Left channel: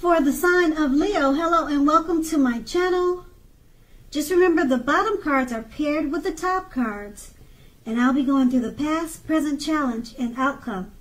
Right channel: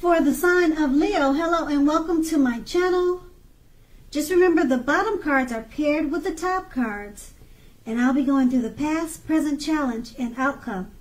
For the sign of Leo, hello and welcome to my channel. Just remember the bottom cards are paired with the top cards, and I'll be going through the past, present, challenge, and outcome.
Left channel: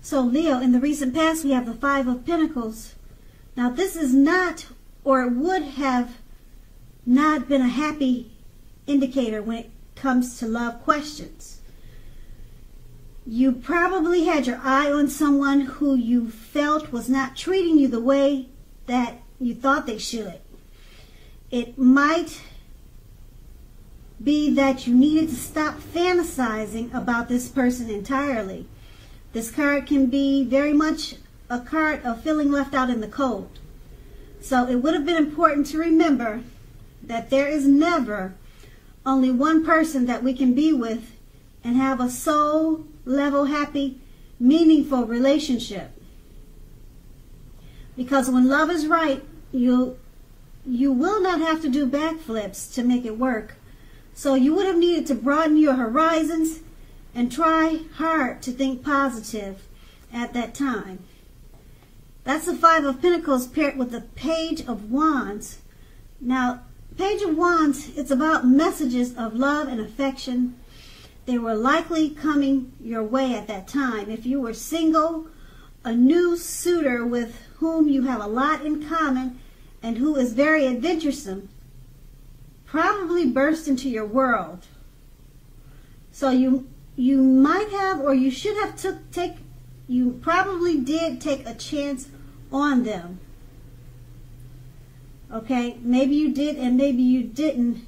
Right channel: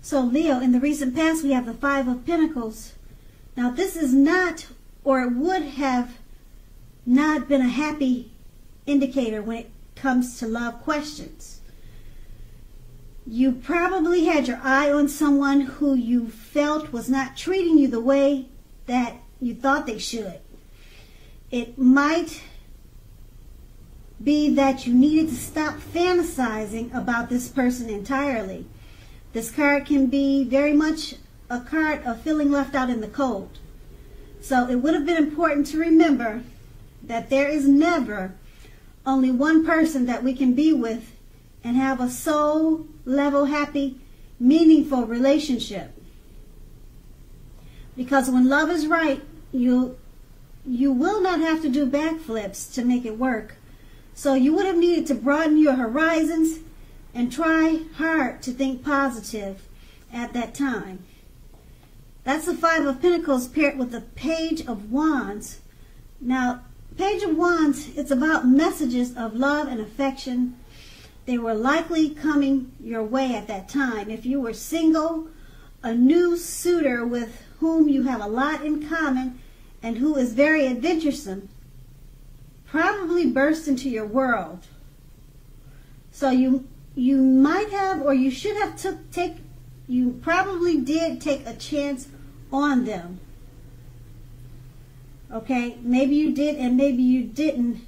So Leo, in the recent past, we have the Five of Pentacles. Now this is not, or it would have not been a happy indicator when it comes to love questions. You probably had your eye on someone who you felt was not treating you the way that you thought they should. It might be that you needed to stop fantasizing about this person entirely. This card can be very much a card of feeling left out in the cold. So it would have been important to remember that there is never only one person that we can be with and have a soul level, happy, meaningful relationship. Because when love is right, you will not have to do backflips to make it work. So you would have needed to broaden your horizons and try hard to think positive at that time. That's the Five of Pentacles paired with the Page of Wands. Now, Page of Wands, it's about messages of love and affection. They were likely coming your way at that time. If you were single, a new suitor with whom you have a lot in common and who is very adventuresome probably burst into your world. So you might have, or you should have you probably did take a chance on them. Okay, maybe you did and maybe you didn't.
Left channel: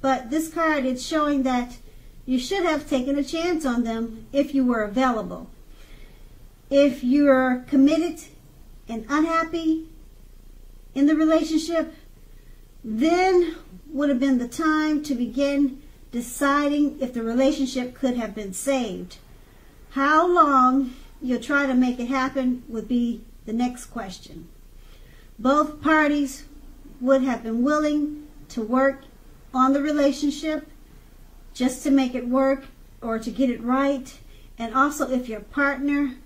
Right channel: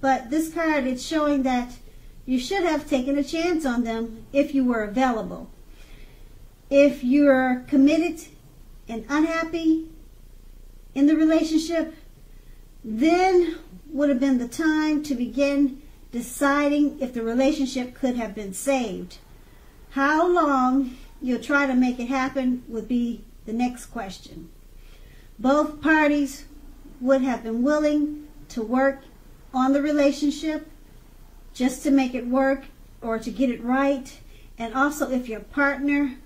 But this card is showing that you should have taken a chance on them if you were available. If you are committed and unhappy in the relationship, then would have been the time to begin deciding if the relationship could have been saved. How long you'll try to make it happen would be the next question. Both parties would have been willing to work on the relationship just to make it work or to get it right. And also if your partner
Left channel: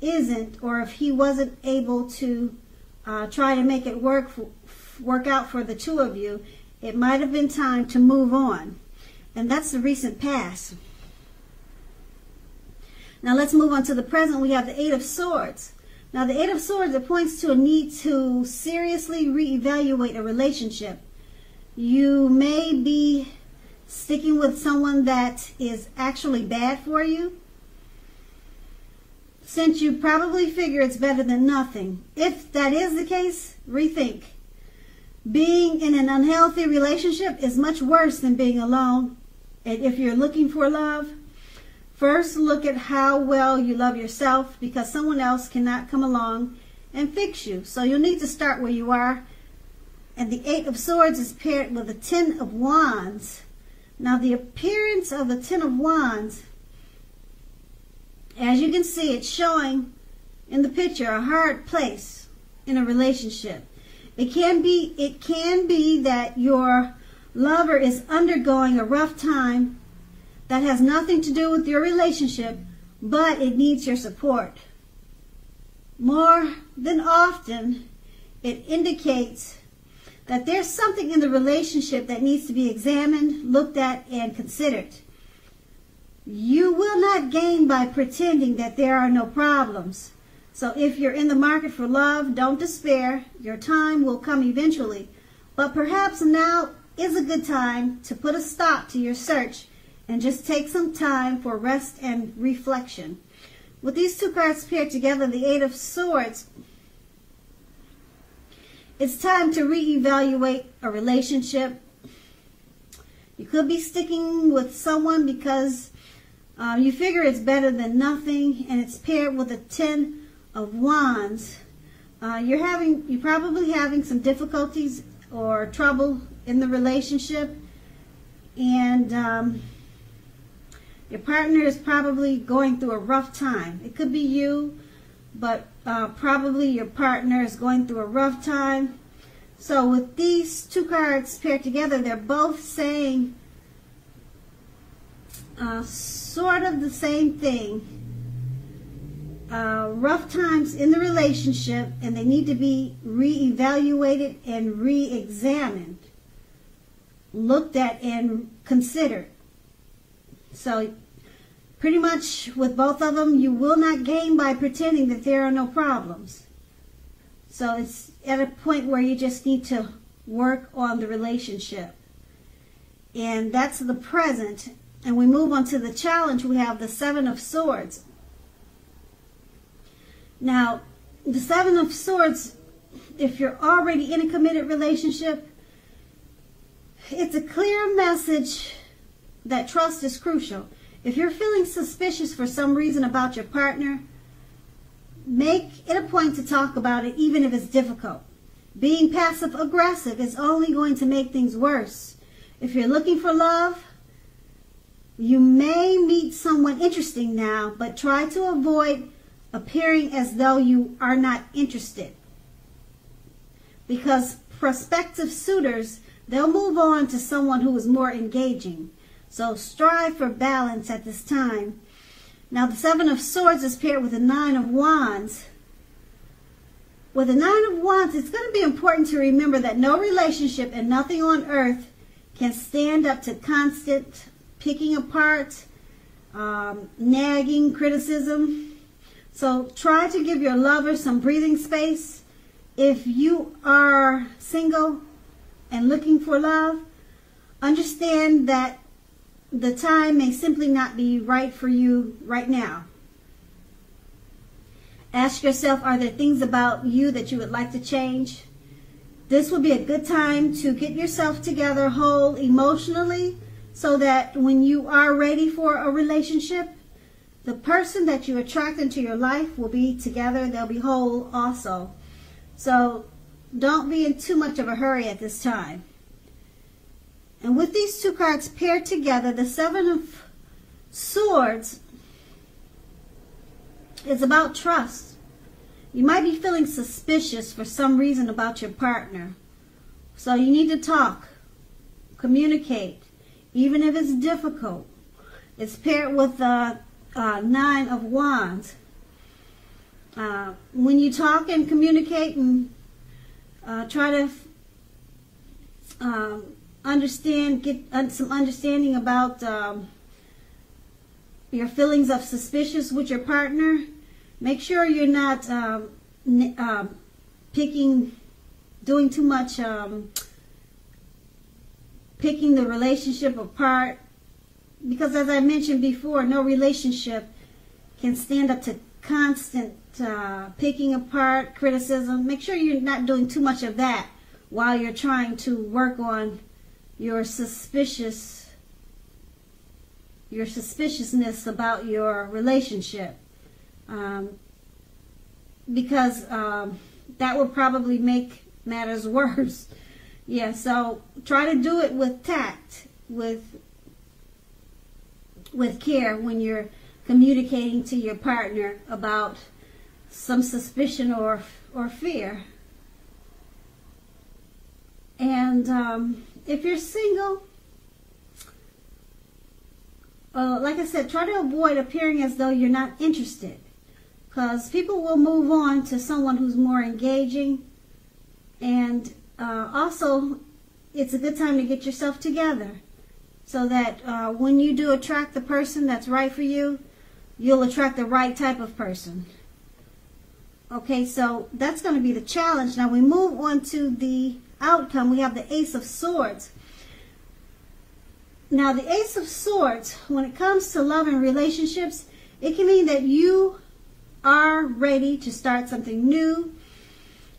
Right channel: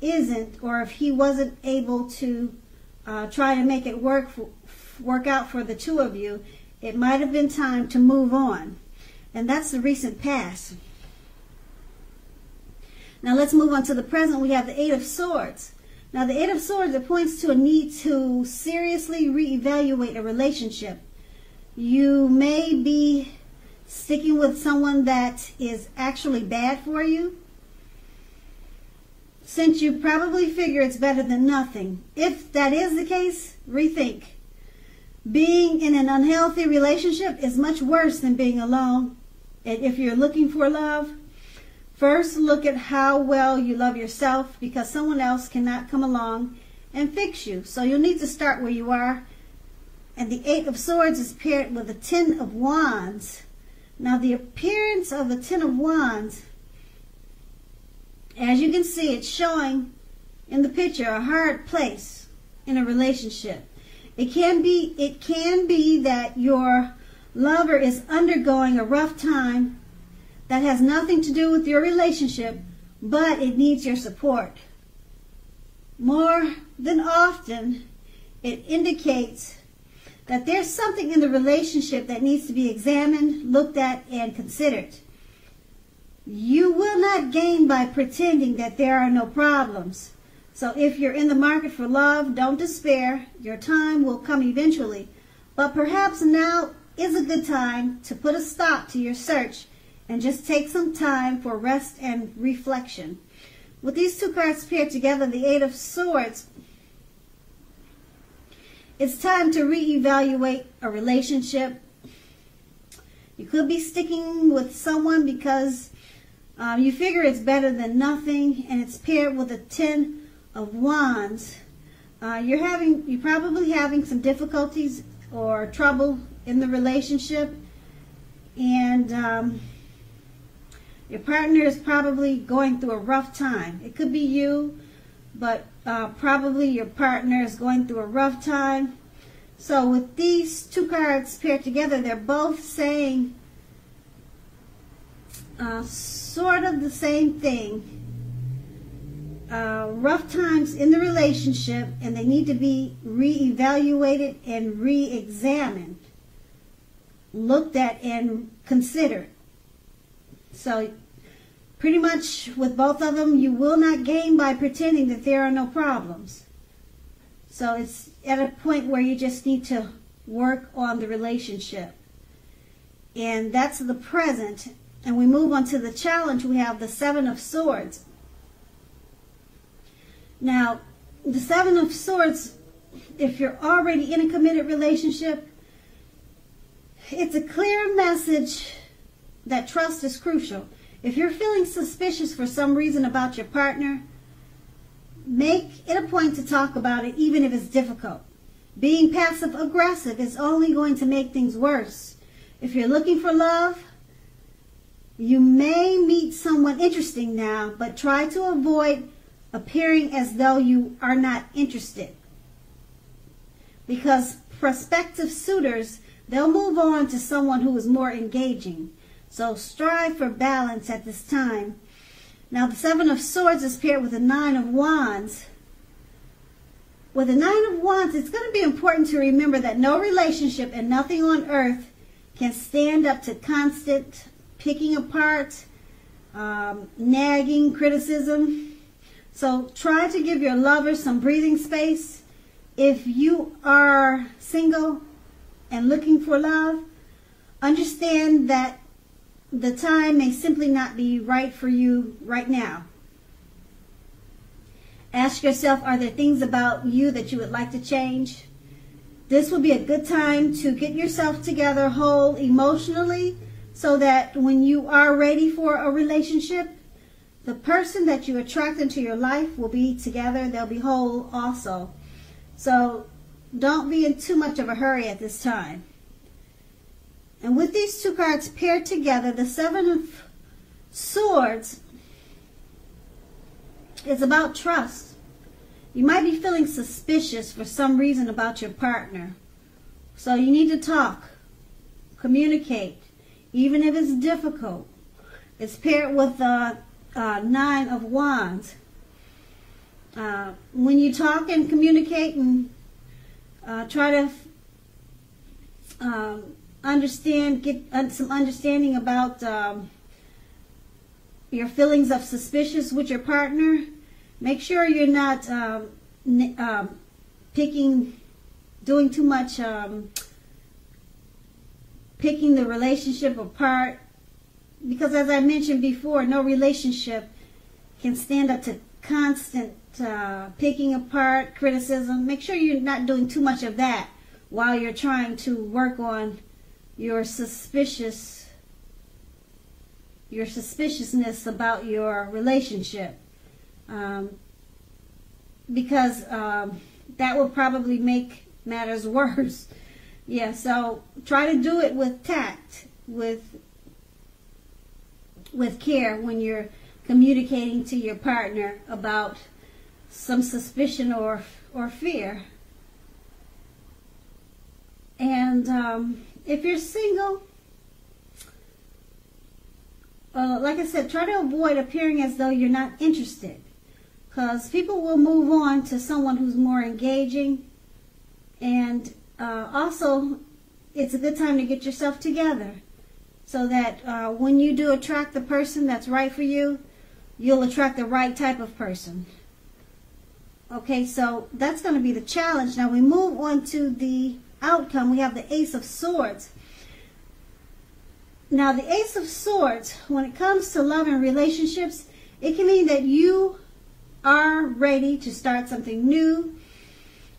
isn't, or if he wasn't able to try to make it work out for the two of you, it might have been time to move on. And that's the recent past. Now let's move on to the present. We have the Eight of Swords. Now the Eight of Swords, it points to a need to seriously reevaluate a relationship. You may be sticking with someone that is actually bad for you, since you probably figure it's better than nothing. If that is the case, rethink. Being in an unhealthy relationship is much worse than being alone. And if you're looking for love, first look at how well you love yourself, because someone else cannot come along and fix you. So you'll need to start where you are. And the Eight of Swords is paired with the Ten of Wands. Now the appearance of the Ten of Wands, as you can see, it's showing in the picture a hard place in a relationship. It can be that your lover is undergoing a rough time that has nothing to do with your relationship, but it needs your support. More than often, it indicates that there's something in the relationship that needs to be examined, looked at, and considered. You will not gain by pretending that there are no problems. So if you're in the market for love, don't despair. Your time will come eventually. But perhaps now is a good time to put a stop to your search and just take some time for rest and reflection. With these two cards paired together, the Eight of Swords, it's time to reevaluate a relationship. You could be sticking with someone because you figure it's better than nothing, and it's paired with a Ten of Wands. You're probably having some difficulties or trouble in the relationship, and your partner is probably going through a rough time. It could be you, but probably your partner is going through a rough time. So with these two cards paired together, they're both saying sort of the same thing. rough times in the relationship, and they need to be reevaluated and re-examined, looked at and considered. So pretty much with both of them, you will not gain by pretending that there are no problems. So it's at a point where you just need to work on the relationship. And that's the present. And we move on to the challenge. We have the Seven of Swords. Now, the Seven of Swords, if you're already in a committed relationship, it's a clear message that trust is crucial. If you're feeling suspicious for some reason about your partner, make it a point to talk about it, even if it's difficult. Being passive-aggressive is only going to make things worse. If you're looking for love, you may meet someone interesting now, but try to avoid appearing as though you are not interested. Because prospective suitors, they'll move on to someone who is more engaging. So strive for balance at this time. Now the Seven of Swords is paired with the Nine of Wands. With the Nine of Wands, it's going to be important to remember that no relationship and nothing on earth can stand up to constant picking apart, nagging, criticism. So try to give your lover some breathing space. If you are single and looking for love, understand that the time may simply not be right for you right now. Ask yourself, are there things about you that you would like to change? This will be a good time to get yourself together whole emotionally, so that when you are ready for a relationship, the person that you attract into your life will be together. They'll be whole also. So don't be in too much of a hurry at this time. And with these two cards paired together, the Seven of Swords is about trust. You might be feeling suspicious for some reason about your partner. So you need to talk, communicate, even if it's difficult. It's paired with Nine of Wands. When you talk and communicate and try to get some understanding about your feelings of suspicious with your partner, make sure you're not doing too much picking the relationship apart, because as I mentioned before, no relationship can stand up to constant picking apart, criticism. Make sure you're not doing too much of that while you're trying to work on your suspiciousness about your relationship, because that will probably make matters worse. Yeah, so try to do it with tact, with care when you're communicating to your partner about some suspicion or fear. And if you're single, like I said, try to avoid appearing as though you're not interested, because people will move on to someone who's more engaging. And also, it's a good time to get yourself together, so that when you do attract the person that's right for you, you'll attract the right type of person. Okay, so that's going to be the challenge. Now we move on to the outcome. We have the Ace of Swords. Now the Ace of Swords, when it comes to love and relationships, it can mean that you are ready to start something new.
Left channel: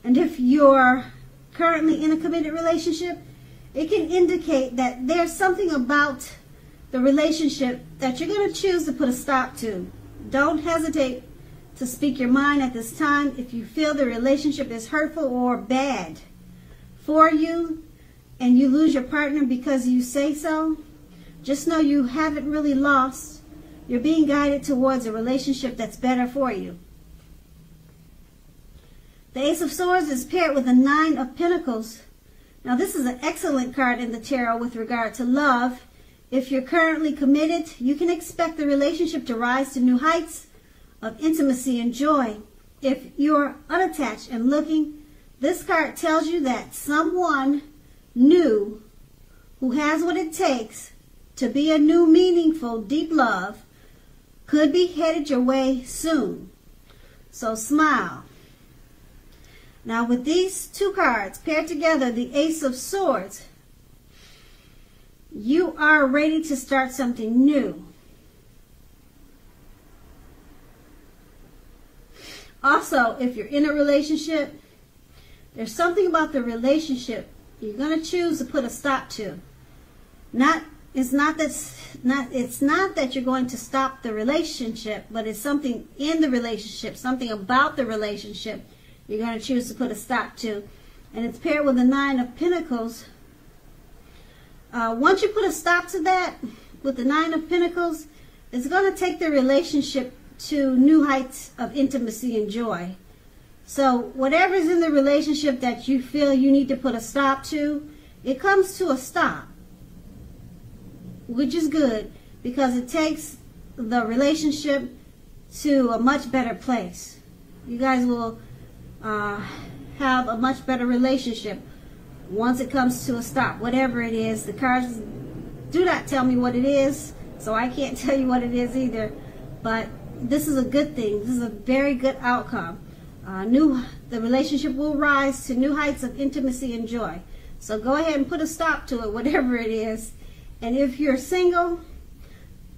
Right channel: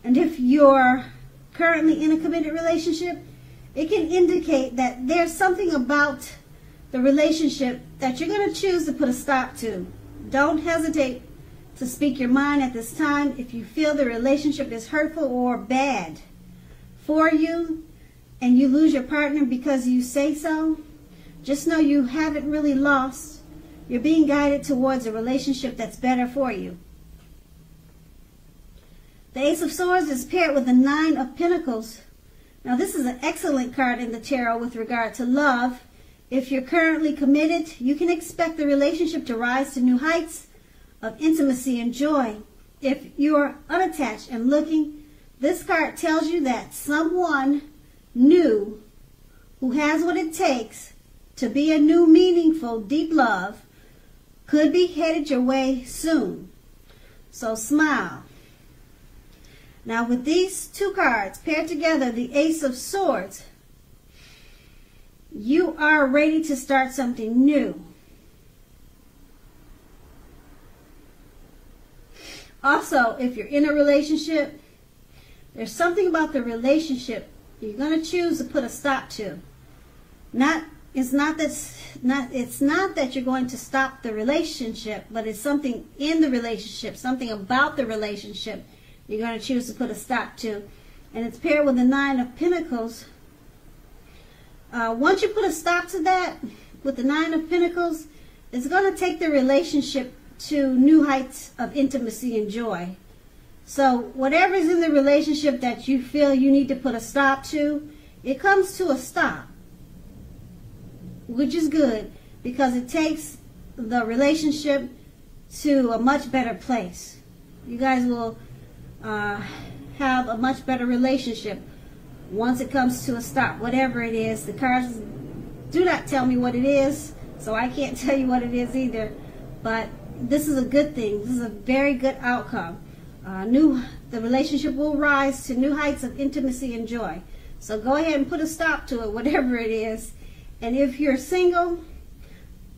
And if you're currently in a committed relationship, it can indicate that there's something about the relationship that you're going to choose to put a stop to. Don't hesitate to speak your mind at this time. If you feel the relationship is hurtful or bad for you, and you lose your partner because you say so, just know you haven't really lost. You're being guided towards a relationship that's better for you. The Ace of Swords is paired with the Nine of Pentacles. Now this is an excellent card in the tarot with regard to love. If you're currently committed, you can expect the relationship to rise to new heights of intimacy and joy. If you are unattached and looking, this card tells you that someone new who has what it takes to be a new, meaningful, deep love could be headed your way soon. So smile. Now with these two cards paired together, the Ace of Swords, you are ready to start something new. Also, if you're in a relationship, there's something about the relationship you're going to choose to put a stop to. It's not that you're going to stop the relationship, but it's something in the relationship, something about the relationship you're going to choose to put a stop to. And it's paired with the Nine of Pentacles. Once you put a stop to that with the Nine of Pentacles, it's going to take the relationship to new heights of intimacy and joy. So whatever's in the relationship that you feel you need to put a stop to, it comes to a stop, which is good because it takes the relationship to a much better place. You guys will have a much better relationship once it comes to a stop, whatever it is. The cards do not tell me what it is, so I can't tell you what it is either. But this is a good thing. This is a very good outcome. The relationship will rise to new heights of intimacy and joy. So go ahead and put a stop to it, whatever it is. And if you're single,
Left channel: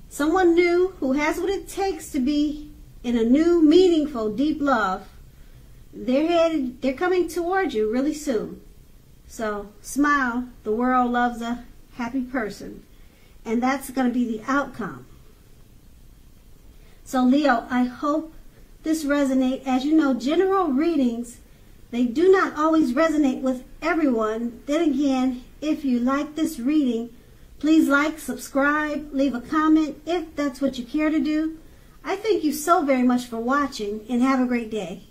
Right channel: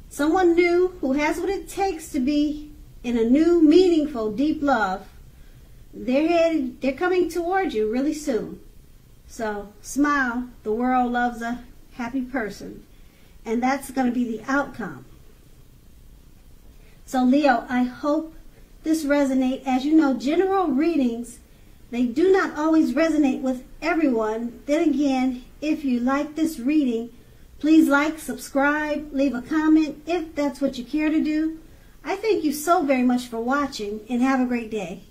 someone new who has what it takes to be in a new, meaningful, deep love, they're coming toward you really soon. So smile. The world loves a happy person. And that's going to be the outcome. So Leo, I hope this resonates. As you know, general readings, they do not always resonate with everyone. Then again, if you like this reading, please like, subscribe, leave a comment if that's what you care to do. I thank you so very much for watching and have a great day.